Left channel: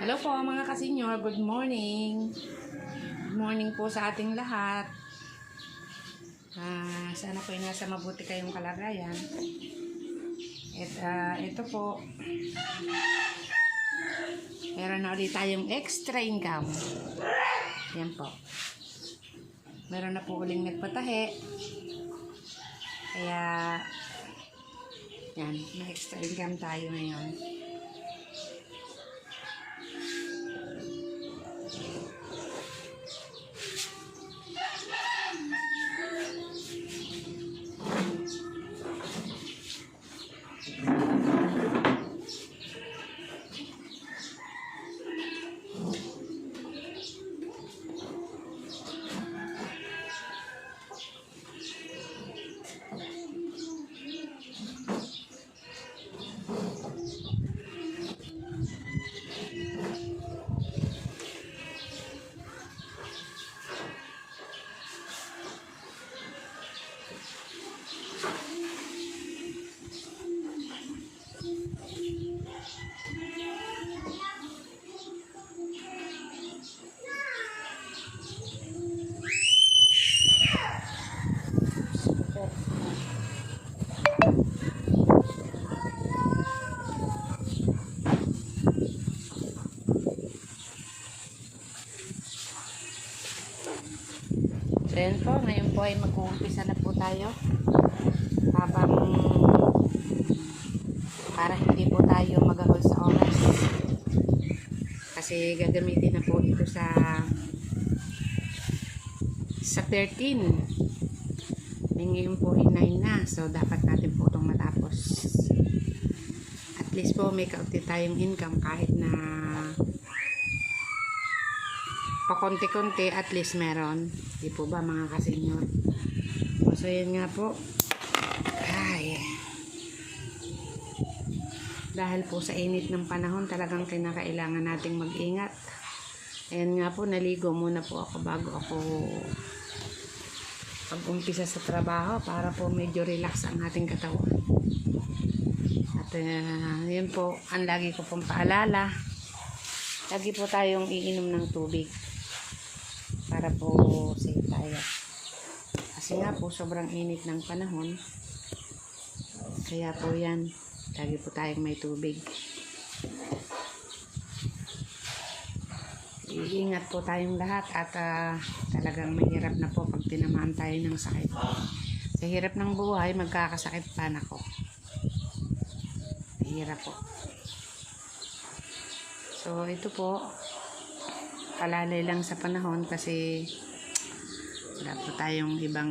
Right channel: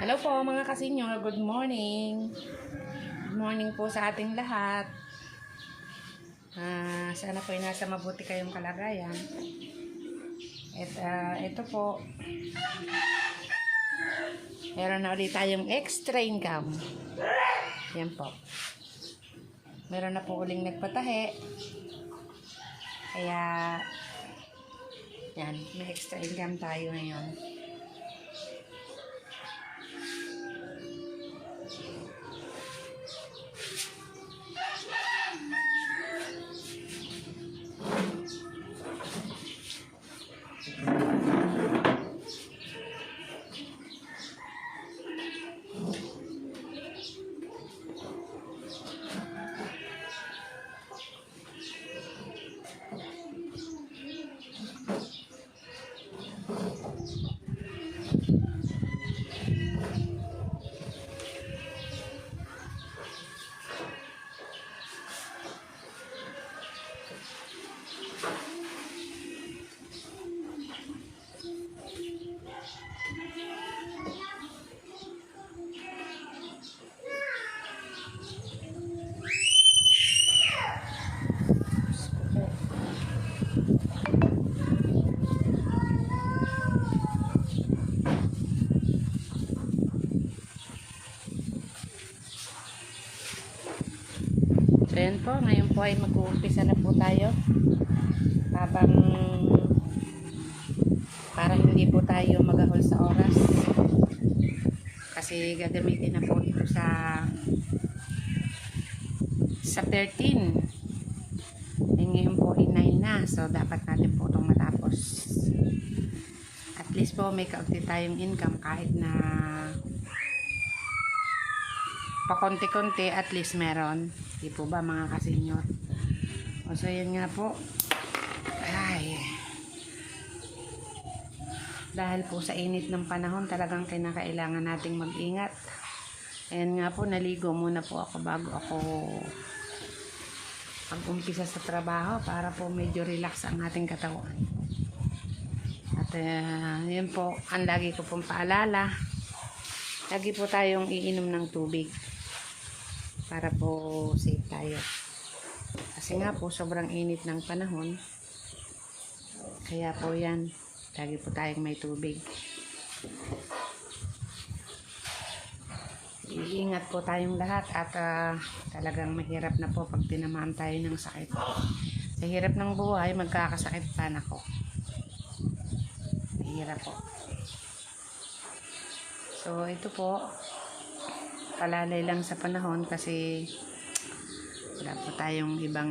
Hello po mga kasenyor, good morning. Good morning po sa ating lahat. Sana po ay nasa mabuti kayong kalagayan. At ito po, meron na ulit tayong extra income. Yan po. Meron na po uling nagpatahe. Kaya, yan, may extra income tayo ngayon. So yan po, ngayon po ay mag-uumpisa na po tayo habang para hindi po tayo magahol sa oras kasi gagamitin na po ito sa 13. Ngayon po ay 9 na, so dapat natin po itong matapos. At least po may kaunti tayong income kahit na pakonti-konti, at least meron. Di po ba mga kasenyor? So yan nga po. Ay. Dahil po sa init ng panahon, talagang kinakailangan nating mag-ingat. Ayan nga po, naligo muna po ako bago ako pag-umpisa sa trabaho para po medyo relax ang ating katawan. At yun po, ang lagi ko pong paalala. Lagi po tayong iinom ng tubig para po safe tayo. Kasi nga po, sobrang init ng panahon. Kaya po yan, lagi po tayong may tubig. Iingat po tayong lahat at talagang mahirap na po pag tinamaan tayo ng sakit. Sa hirap ng buhay, magkakasakit pa na ko. Mahirap po. So ito po, palalay lang sa panahon kasi wala po tayong ibang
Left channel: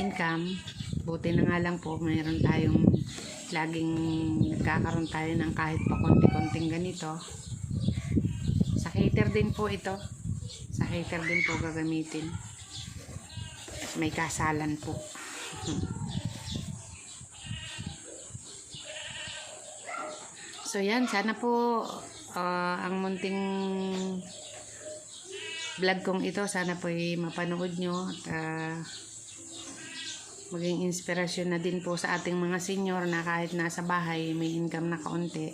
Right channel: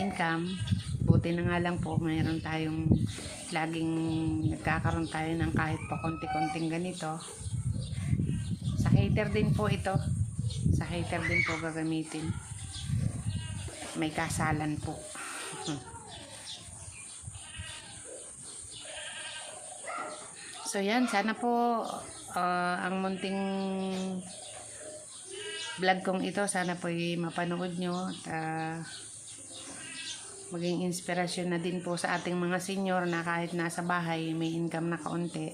income. Buti na nga lang po mayroon tayong laging nagkakaroon tayo ng kahit pa konti-konting ganito. Sa cater din po ito, sa cater din po gagamitin, may kasalan po. So yan, sana po ang munting vlog kong ito, sana po mapanood nyo at maging inspirasyon na din po sa ating mga senior na kahit nasa bahay may income na kaunti.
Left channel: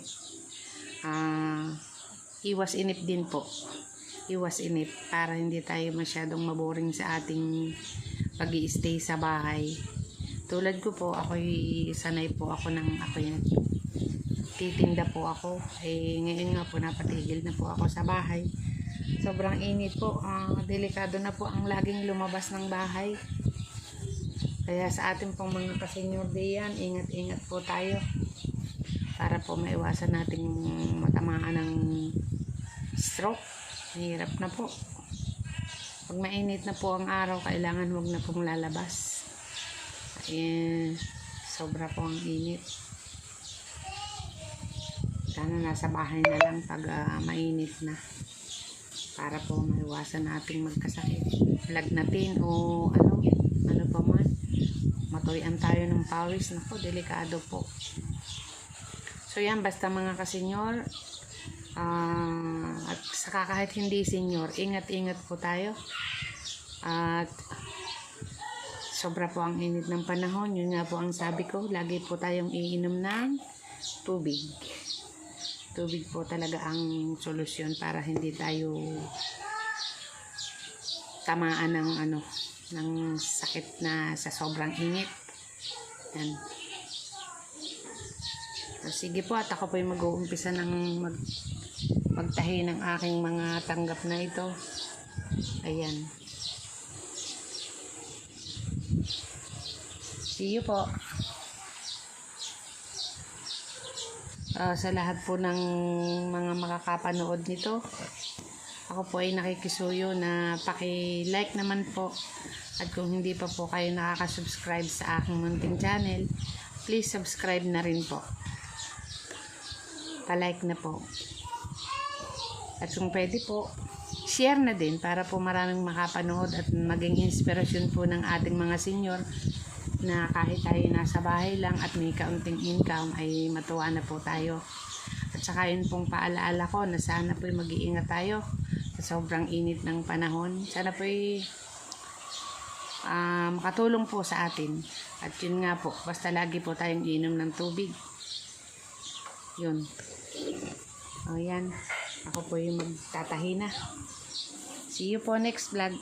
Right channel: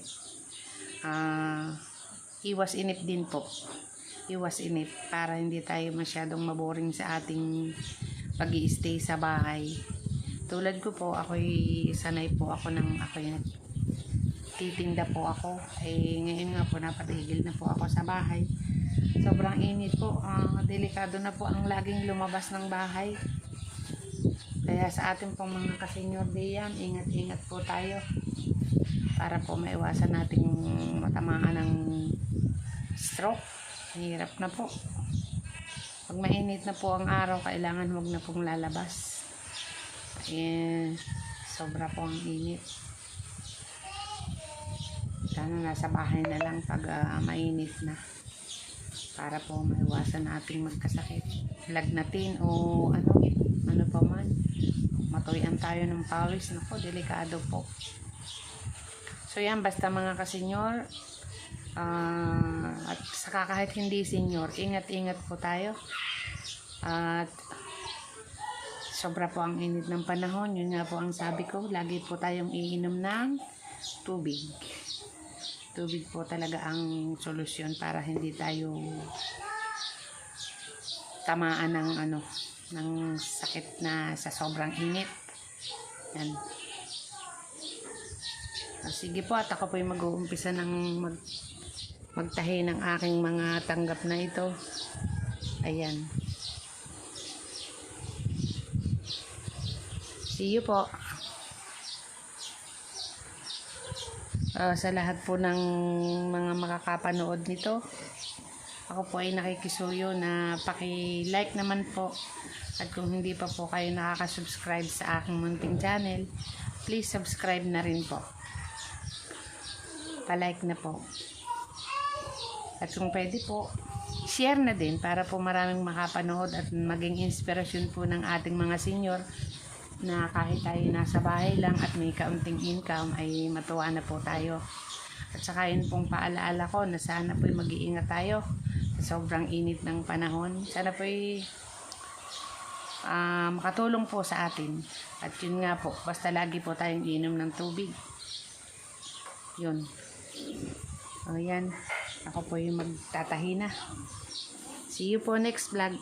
Iwas inip din po. Iwas inip para hindi tayo masyadong maboring sa ating pag-i-stay sa bahay. Tulad ko po, ako'y sanay po ako titinda po ako. Ngayon nga po napatigil na po ako sa bahay. Sobrang init po. Delikado na po ang laging lumabas ng bahay. Kaya sa ating pong mga kasenyor diyan, ingat-ingat po tayo para po maiwasan nating matamaan ng stroke. Mahirap na po. Pag mainit na po ang araw, kailangan wag na pong lalabas. Sobra po ang init. Sana nasa bahay na lang pag mainit na para po maiwasan nating magkasakit, lagnatin o ano pa man, matuyan tayo ng pawis. Nako, delikado po. So yan, basta mga kasenyor, at saka kahit hindi senyor, ingat-ingat po tayo. At sobra po ang init ng panahon. Yun nga po ang sabi ko, lagi po tayong iinom ng tubig. Tubig po talaga ang solusyon para hindi tayo tamaan ng ng sakit na sa sobrang init. Yan. Sige po, at ako po yung mag-uumpisa ng magtahi ng aking mga tanggap na ito. Ayan. See you po. Sa lahat po ng mga makakapanood nito, ako po ay nakikisuyo na paki-like naman po. At kung hindi pa po kayo nakaka-subscribe sa aking munting channel, please subscribe na rin po. Pa-like na po. At kung pwede po, share na din para po maraming makapanood at maging inspirasyon po ng ating mga senior na kahit tayo nasa bahay lang at may kaunting income ay matuwa na po tayo. At saka yun pong paalaala ko na sana po'y mag-iingat tayo sa sobrang init ng panahon. Sana po'y makatulong po sa atin. At yun nga po, basta lagi po tayong inom ng tubig. Yun. O yan, ako po yung magtatahi na. See you po next vlog.